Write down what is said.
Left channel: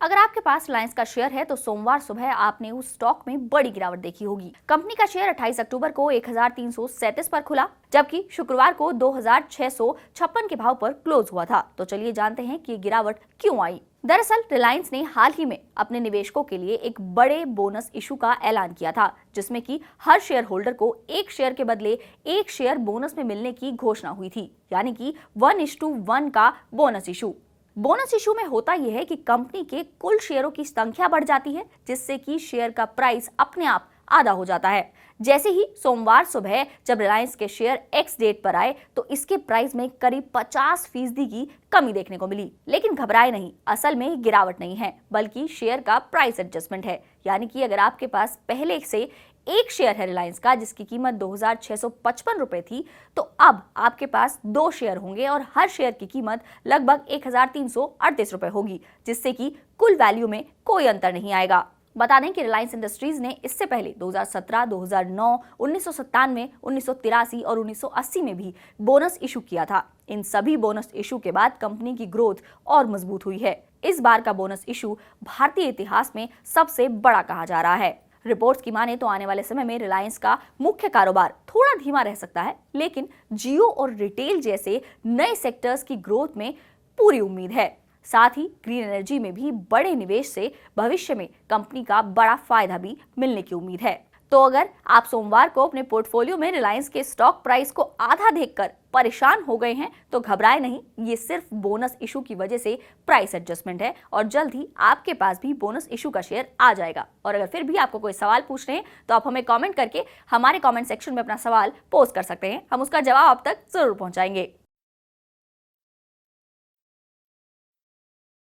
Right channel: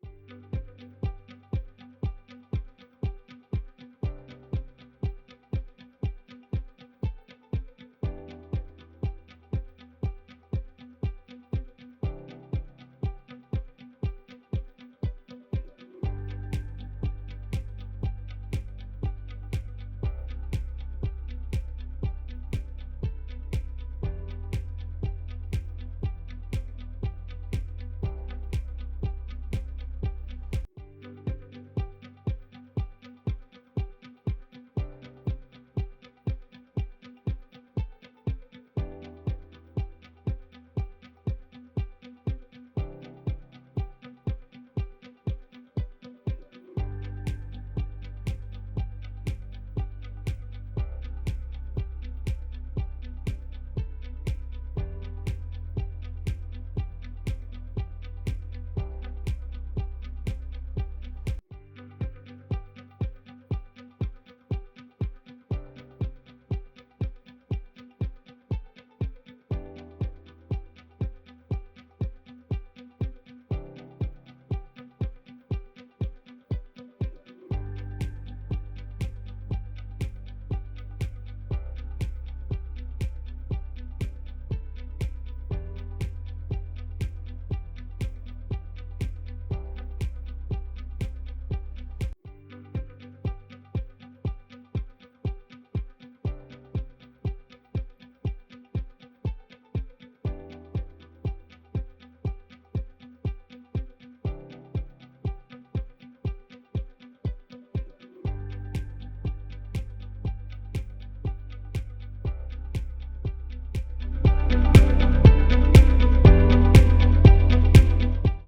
अगर आपके पास रिलायंस का शेयर है तो सोमवार सुबह आपने उस स्टॉक में बड़ी गिरावट देखी होगी। कंपनी का शेयर 28 अक्टूबर को 1337 पर खुला, जबकि शुक्रवार को 2656 के भाव पर क्लोज हुआ था। तो चलिए जानते हैं कि ये गिरावट क्यों आई। दरअसल रिलायंस ने हाल ही में अपने निवेशकों के लिए एक बड़े बोनस इशू का ऐलान किया था, जिसमें कि हर शेयर होल्डर को एक शेयर के बदले एक शेयर बोनस में मिलने की घोषणा हुई थी, यानी कि 1:1 का बोनस इशू। बोनस इशू में होता यह है कि कंपनी के कुल शेयरों की संख्या बढ़ जाती है, जिससे कि शेयर का प्राइस अपने आप आधा हो जाता है। जैसे ही सोमवार सुबह जब रिलायंस के शेयर एक्स डेट पर आए तो इसके प्राइस में करीब 50% की कमी देखने को मिली। लेकिन घबराए नहीं, असल में गिरावट नहीं है, बल्कि शेयर का प्राइस एडजस्टमेंट है। यानी कि अगर आपके पास पहले से एक शेयर है रिलायंस का जिसकी कीमत 2655 रुपए थी, तो अब आपके पास 2 शेयर होंगे और हर शेयर की कीमत लगभग 1338 रुपए होगी, जिससे कि कुल वैल्यू में कोई अंतर नहीं आएगा। बता दें कि रिलायंस इंडस्ट्रीज ने इससे पहले 2017, 2009, 1997, 1983 और 1980 में भी बोनस इशू किया था। इन सभी बोनस इशू के बाद कंपनी की ग्रोथ और मजबूत हुई है। इस बार का बोनस इशू भारतीय इतिहास में सबसे बड़ा कहा जा रहा है। रिपोर्ट्स की माने तो आने वाले समय में रिलायंस का मुख्य कारोबार थोड़ा धीमा रह सकता है, लेकिन जियो और रिटेल जैसे नए सेक्टर्स की ग्रोथ में पूरी उम्मीद है। साथ ही ग्रीन एनर्जी में भी बड़े निवेश से भविष्य में कंपनी का बड़ा फायदा भी मिलने की उम्मीद है। तो अगर आप सोमवार को अपने पोर्टफोलियो में रिलायंस के स्टॉक प्राइस को आधा देखकर परेशान हो गए हैं तो घबराए नहीं, ये सिर्फ बोनस इशू की वजह से प्राइस एडजस्टमेंट है और जल्द ही आपके पास भी बोनस इशू का शेयर आ जाएगा। और अगर फिर भी आपको कोई सवाल पूछने हैं तो आप हमें कमेंट करके हमारे कमेंट सेक्शन में अपना सवाल पोस्ट कर सकते हैं, हम उसका जवाब आप तक जरूर पहुंचाएंगे।